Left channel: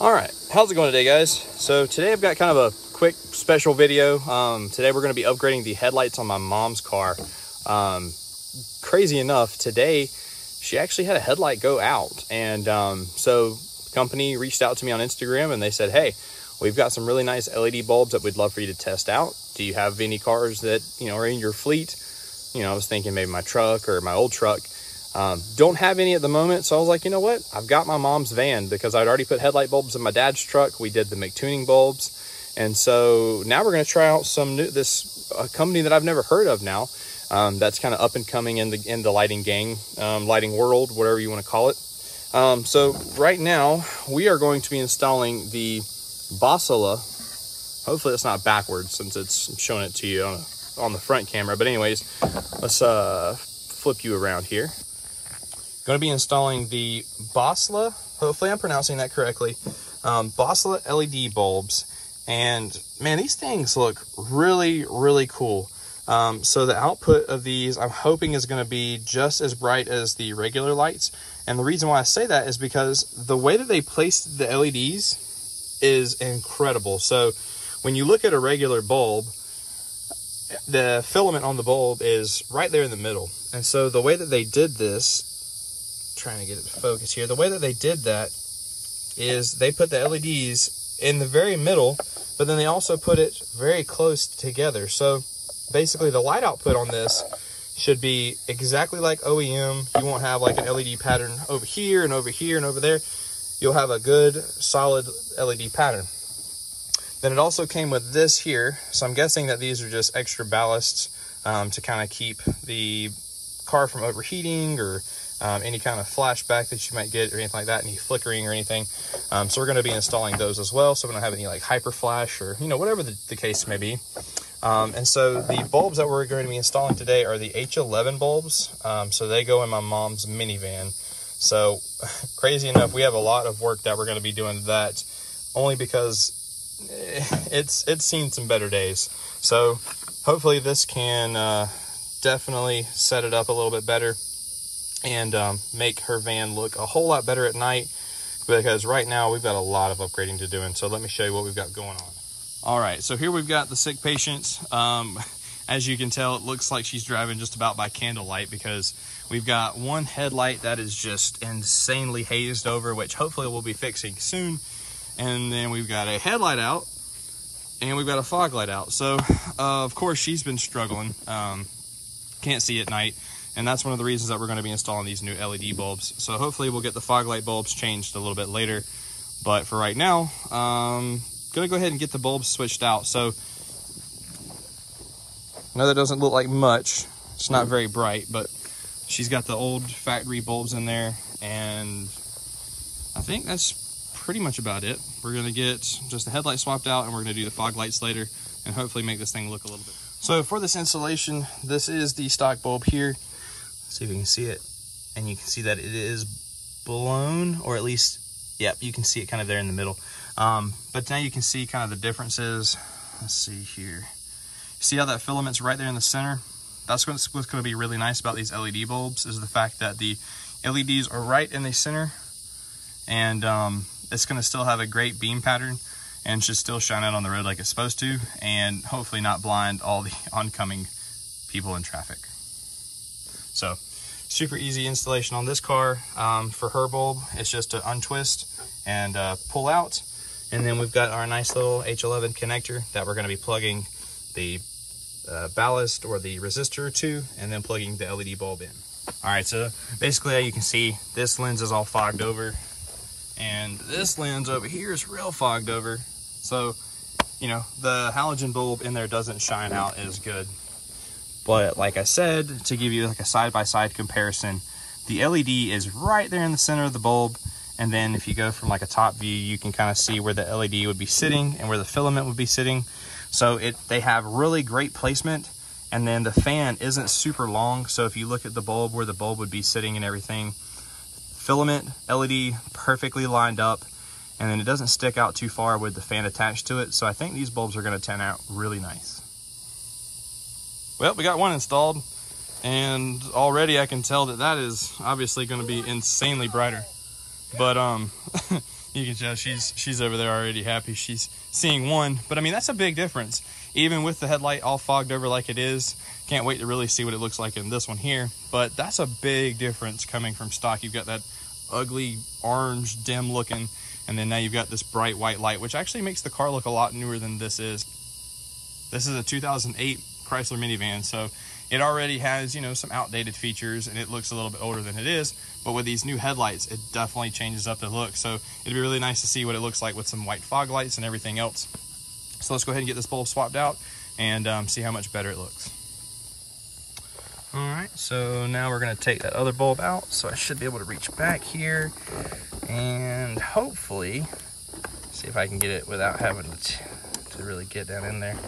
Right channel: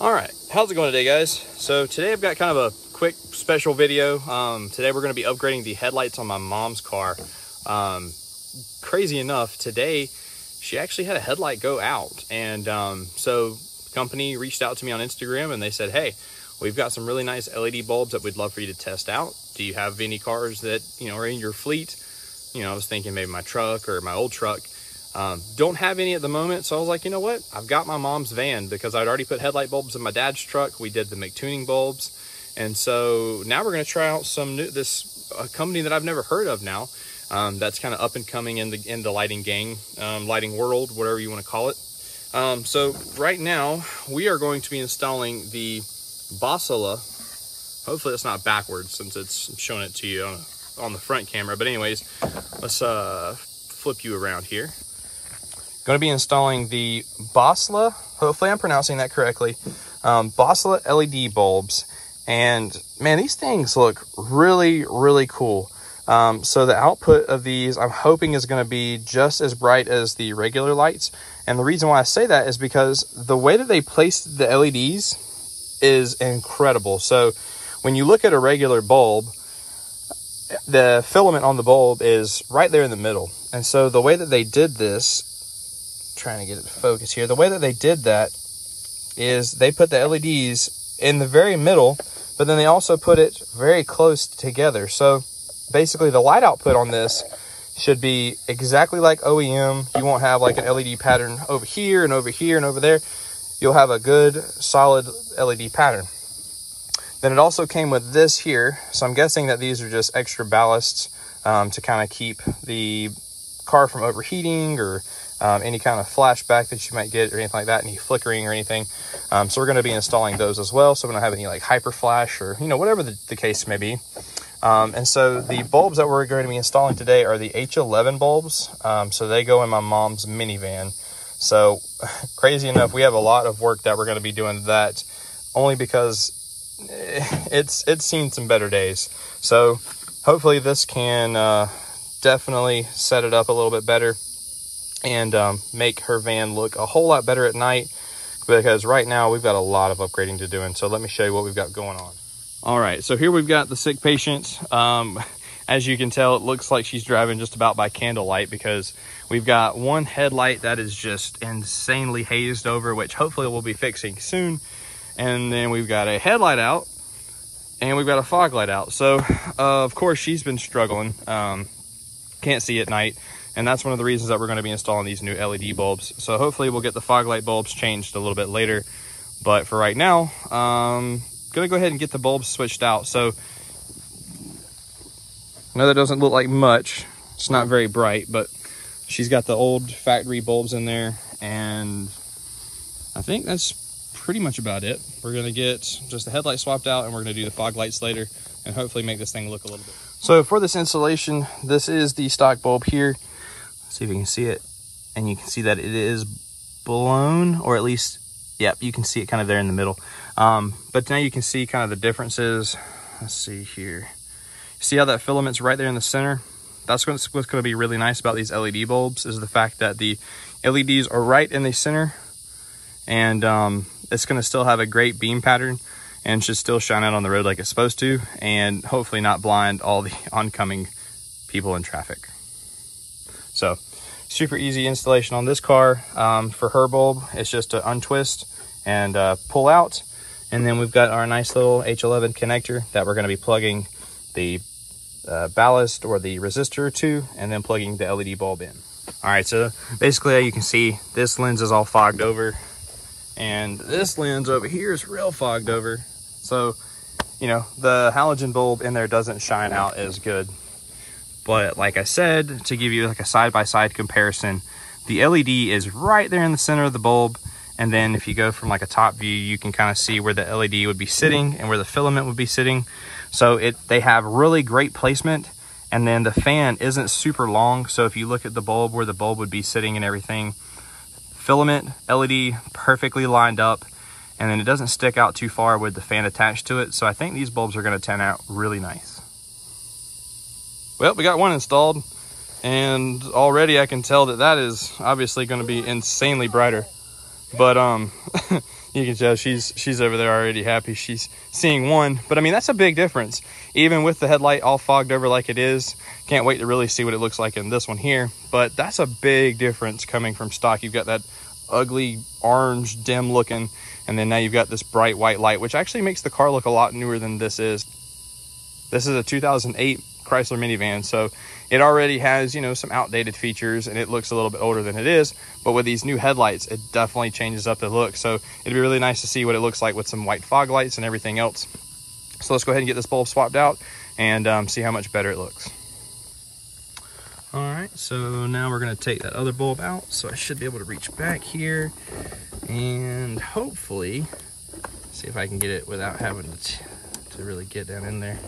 All right, how's it going today, guys? So today I've got kind of a quick special video. Today we're going to be upgrading the headlights on my mom's car. Crazy enough, today she actually had a headlight go out, and so the company reached out to me on Instagram and they said, hey, we've got some really nice LED bulbs that we'd love for you to test out. Do you have any cars that are in your fleet? I was thinking maybe my truck or my old truck. Don't have any at the moment, so I was like, you know what? I've got my mom's van because I'd already put headlight bulbs in my dad's truck. We did the McTuning bulbs, and so now we're going to try out some new company that I've never heard of now. That's kind of up and coming in the lighting gang, lighting world, whatever you want to call it. So right now we are going to be installing the BOSLLA. Hopefully it's not backwards since it's showing it to you on the front camera. But anyways, let's flip you around here. Going to be installing the BOSLLA, hopefully I'm pronouncing that correctly, BOSLLA LED bulbs. And man, these things look really, really cool. So the output of these, I'm hoping, is going to be just as bright as the regular lights. And the reason why I say that is because the way that they placed the LEDs is incredible. So when you look at a regular bulb, the filament on the bulb is right there in the middle. And so the way that they did this, trying to get it to focus here, the way that they did that is they put the LEDs in the very middle, but then they also put it very close together. So basically the light output on this should be exactly like OEM. You won't have like an LED pattern over here and over here and over there. You'll have a good solid LED pattern. Then it also came with this here. So I'm guessing that these are just extra ballasts to kind of keep the car from overheating or any kind of flashback that you might get or anything like that, any flickering or anything. So we're going to be installing those as well, so we don't have any like hyper flash or whatever the case may be. And so the bulbs that we're going to be installing today are the H11 bulbs. So they go in my mom's minivan. So crazy enough, we have a lot of work that we're going to be doing that, only because it's seen some better days. So hopefully this can definitely set it up a little bit better and make her van look a whole lot better at night, because right now we've got a lot of upgrading to do. And so let me show you what we've got going on. All right, so here we've got the sick patient. As you can tell, it looks like she's driving just about by candlelight, because we've got one headlight that is just insanely hazed over, which hopefully we'll be fixing soon. And then we've got a headlight out and we've got a fog light out. So of course she's been struggling, can't see at night. And that's one of the reasons that we're going to be installing these new LED bulbs. So hopefully we'll get the fog light bulbs changed a little bit later. But for right now, going to go ahead and get the bulbs switched out. So I know that doesn't look like much. It's not very bright, but she's got the old factory bulbs in there. And I think that's pretty much about it. We're going to get just the headlight swapped out, and we're going to do the fog lights later and hopefully make this thing look a little bit. So for this installation, this is the stock bulb here. See if you can see it, and you can see that it is blown, or at least, yeah, you can see it kind of there in the middle. But now you can see kind of the differences. Let's see here. See how that filament's right there in the center? That's what's going to be really nice about these LED bulbs, is the fact that the LEDs are right in the center, and it's going to still have a great beam pattern and should still shine out on the road like it's supposed to, and hopefully not blind all the oncoming people in traffic. So super easy installation on this car. For her bulb, it's just to untwist and pull out. And then we've got our nice little H11 connector that we're going to be plugging the ballast or the resistor to, and then plugging the LED bulb in. All right, so basically you can see this lens is all fogged over, and this lens over here is real fogged over. So, the halogen bulb in there doesn't shine out as good. But like I said, to give you like a side-by-side comparison, the LED is right there in the center of the bulb. And then if you go from like a top view, you can kind of see where the LED would be sitting and where the filament would be sitting. So they have really great placement. And then the fan isn't super long. So if you look at the bulb, where the bulb would be sitting and everything, filament, LED perfectly lined up. And then it doesn't stick out too far with the fan attached to it. So I think these bulbs are going to turn out really nice. Well, we got one installed, and already I can tell that is obviously going to be insanely brighter. But You can tell she's over there already happy. She's seeing one, but I mean, that's a big difference. Even with the headlight all fogged over like it is, can't wait to really see what it looks like in this one here. But that's a big difference coming from stock. You've got that ugly orange dim looking, and then now you've got this bright white light, which actually makes the car look a lot newer than this is. This is a 2008 Chrysler minivan, so it already has, you know, some outdated features and it looks a little bit older than it is, but with these new headlights, it definitely changes up the look. So it'd be really nice to see what it looks like with some white fog lights and everything else. So let's go ahead and get this bulb swapped out and see how much better it looks. All right, so now we're gonna take that other bulb out. So I should be able to reach back here and hopefully see if I can get it without having to really get down in there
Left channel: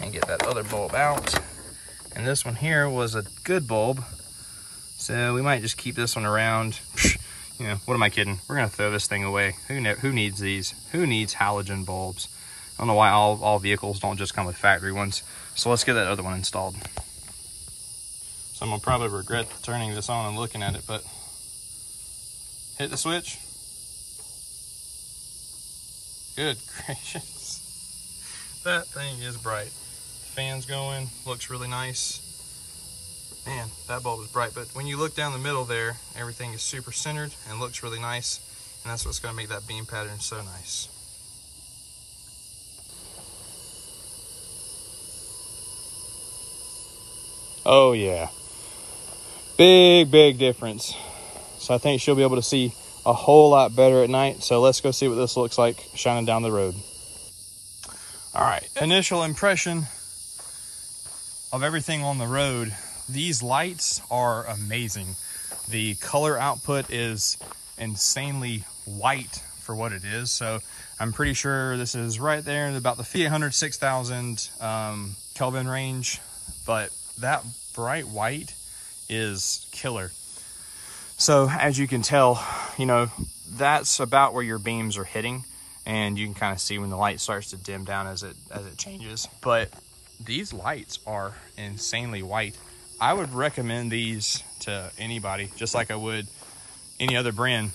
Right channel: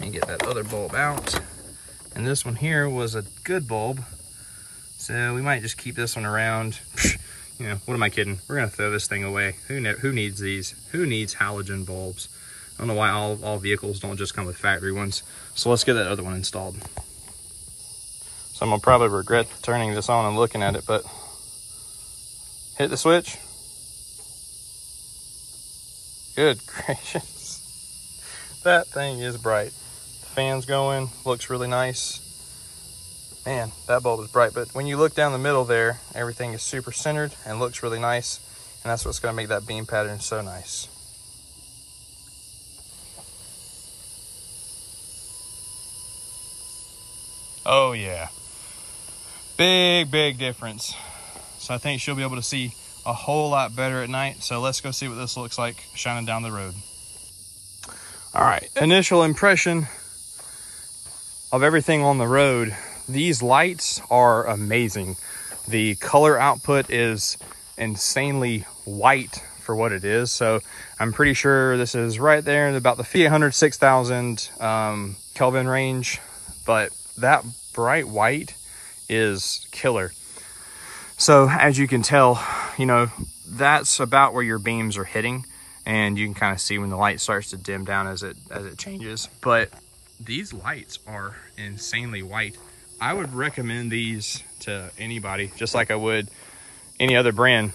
and get that other bulb out. And this one here was a good bulb, so we might just keep this one around. You know, what am I kidding? We're gonna throw this thing away. Who needs these? Who needs halogen bulbs? I don't know why all vehicles don't just come with factory ones. So let's get that other one installed. So I'm gonna probably regret turning this on and looking at it, but hit the switch. Good gracious. That thing is bright. Fans going, looks really nice. Man, that bulb is bright, but when you look down the middle there, everything is super centered and looks really nice, and that's what's gonna make that beam pattern so nice. Oh yeah, big difference. So I think she'll be able to see a whole lot better at night. So let's go see what this looks like shining down the road. All right, initial impression of everything on the road. These lights are amazing. The color output is insanely white for what it is. So I'm pretty sure this is right there in about the 800, 6,000 Kelvin range, but that bright white is killer. So as you can tell, you know, that's about where your beams are hitting, and you can kind of see when the light starts to dim down as it changes. But these lights are insanely white. I would recommend these to anybody, just like I would any other brand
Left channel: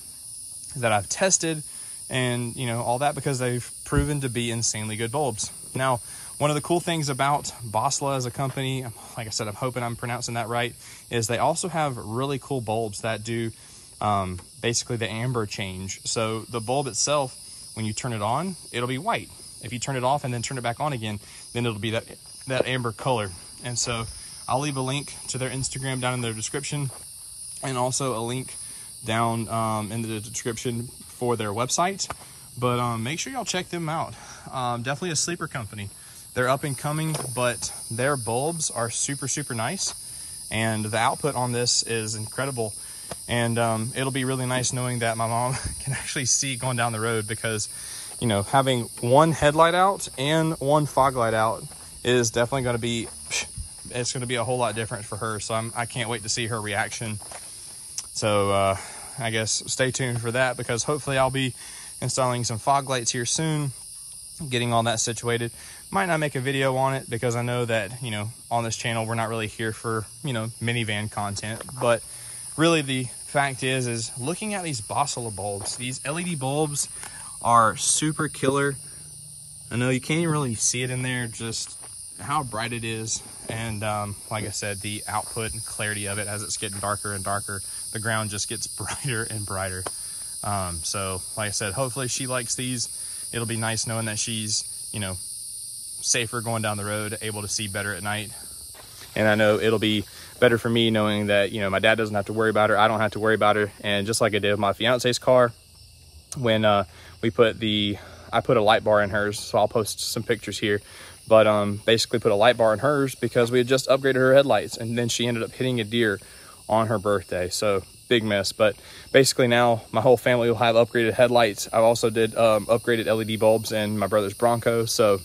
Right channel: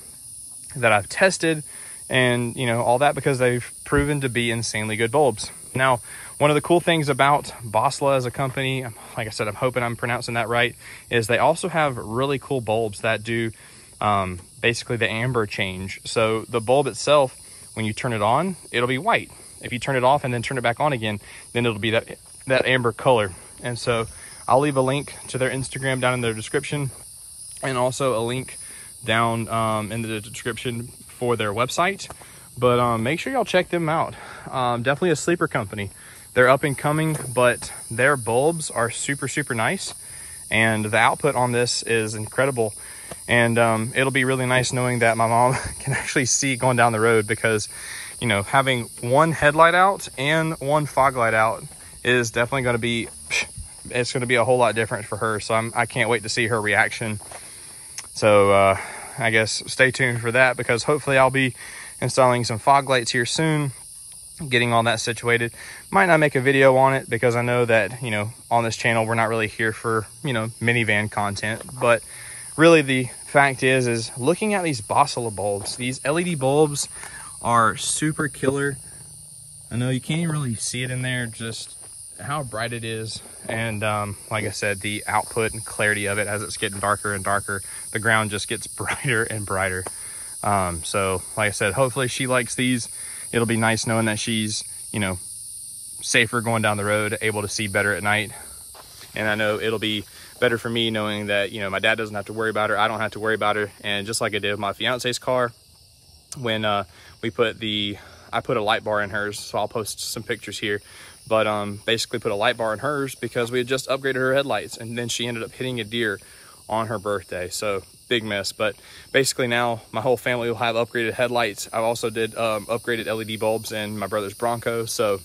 that I've tested and, you know, all that, because they've proven to be insanely good bulbs. Now, one of the cool things about BOSLLA as a company, like I said, I'm hoping I'm pronouncing that right, is they also have really cool bulbs that do basically the amber change. So the bulb itself, when you turn it on, it'll be white. If you turn it off and then turn it back on again, then it'll be that amber color. And so I'll leave a link to their Instagram down in the description, and also a link down in the description for their website. But make sure y'all check them out. Definitely a sleeper company. They're up and coming, but their bulbs are super nice, and the output on this is incredible. And it'll be really nice knowing that my mom can actually see going down the road, because, you know, having one headlight out and one fog light out is definitely going to be, it's going to be a whole lot different for her. So I can't wait to see her reaction. So I guess stay tuned for that, because hopefully I'll be installing some fog lights here soon, getting all that situated. Might not make a video on it, because I know that, you know, on this channel we're not really here for, you know, minivan content. But really the fact is looking at these BOSLLA bulbs, these LED bulbs are super killer. I know you can't even really see it in there, just how bright it is. And like I said, the output and clarity of it, as it's getting darker and darker, the ground just gets brighter and brighter. So like I said, hopefully she likes these. It'll be nice knowing that she's, you know, safer going down the road, able to see better at night. And I know it'll be better for me knowing that, you know, my dad doesn't have to worry about her, I don't have to worry about her. And just like I did with my fiance's car, when I put a light bar in hers, so I'll post some pictures here, but basically put a light bar in hers because we had just upgraded her headlights, and then she ended up hitting a deer on her birthday. So big mess. But basically now my whole family will have upgraded headlights. I also did upgraded LED bulbs in my brother's Bronco. So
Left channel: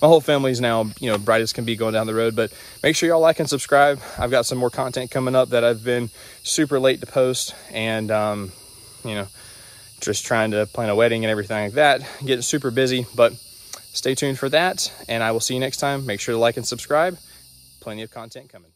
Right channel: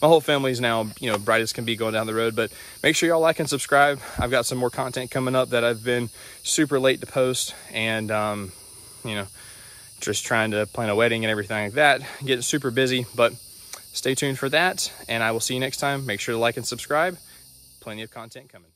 my whole family's now, you know, bright as can be going down the road. But make sure y'all like and subscribe. I've got some more content coming up that I've been super late to post, and you know, just trying to plan a wedding and everything like that, getting super busy. But stay tuned for that, and I will see you next time. Make sure to like and subscribe. Plenty of content coming.